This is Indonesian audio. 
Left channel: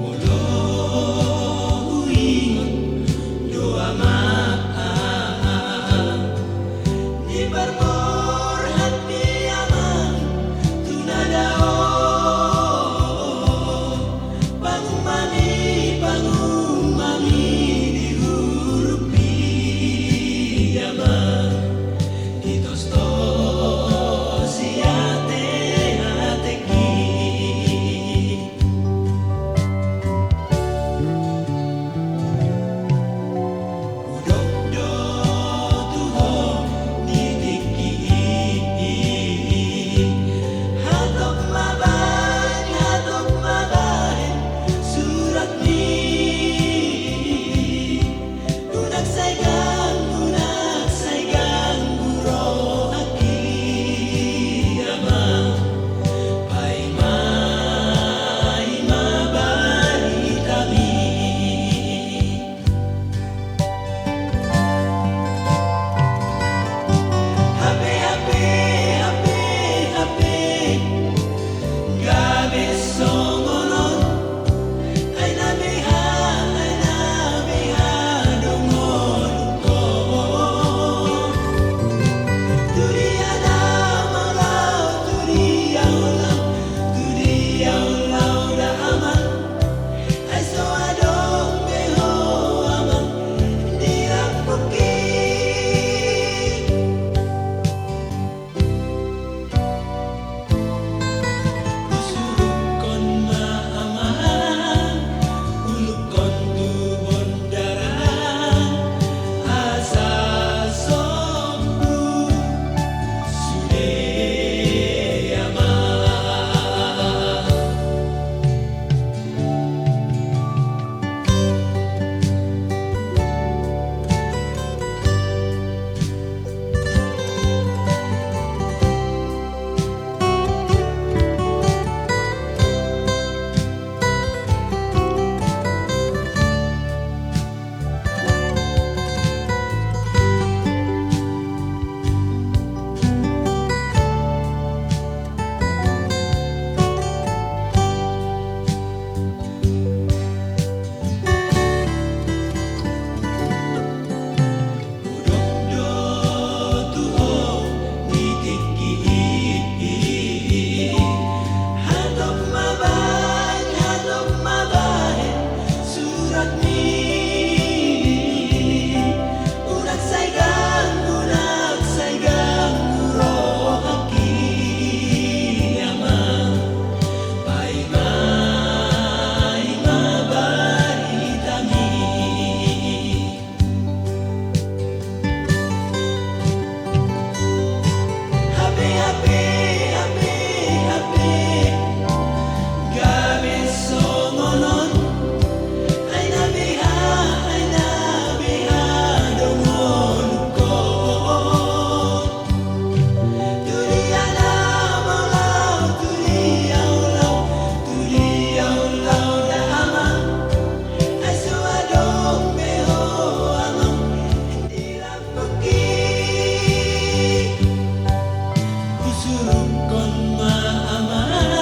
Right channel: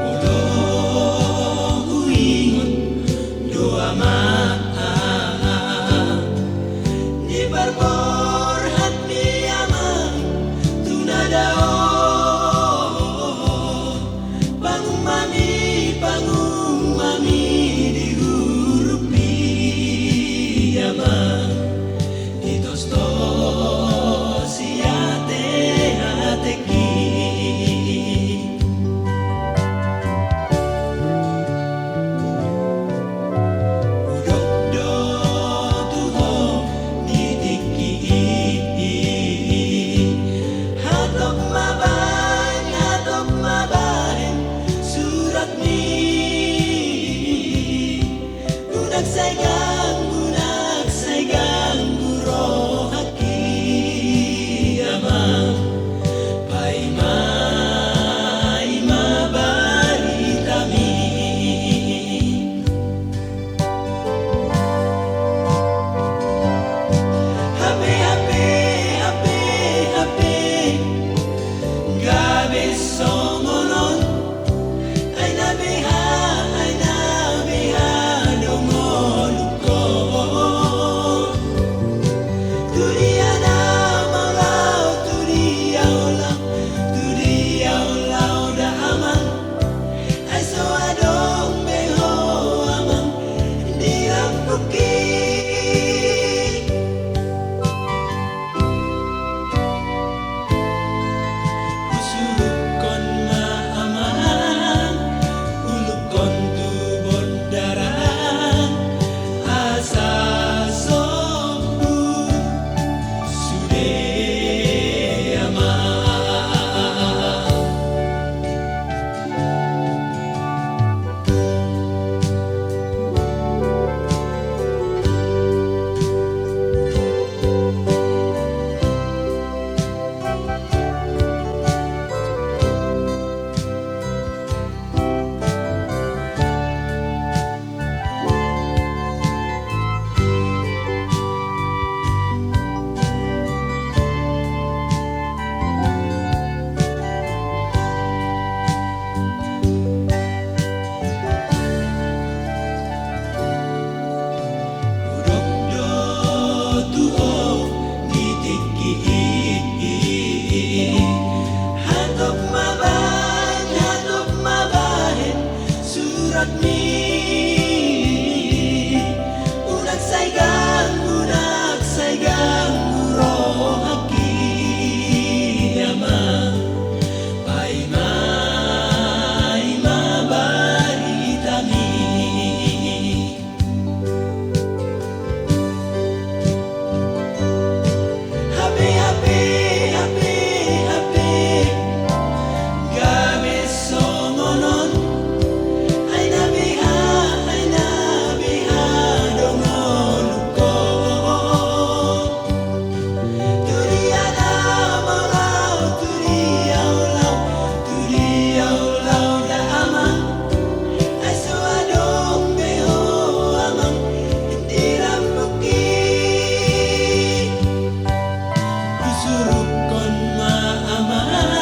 Molo huingon doa ni barbor hat mi amang tunadao pangung mami di huruf amang itos to siate hateki surat ni unak saigang guro haki amang paima ima baritami hape gabe songonon Aina beha dongoluko Turia da malau turia ulau da amang Ai so adong beho amang diampuki Kusurukon ma amang ulukon tu bondaran asa sombu sude amang Hatok mabahen surat mi unak saigang guro haki amang paima ima baritami hape gabe songonon aina beha dongoluko turiana malau turia ulau da amang ai so adong beho amang dirambuki Surukon ma amang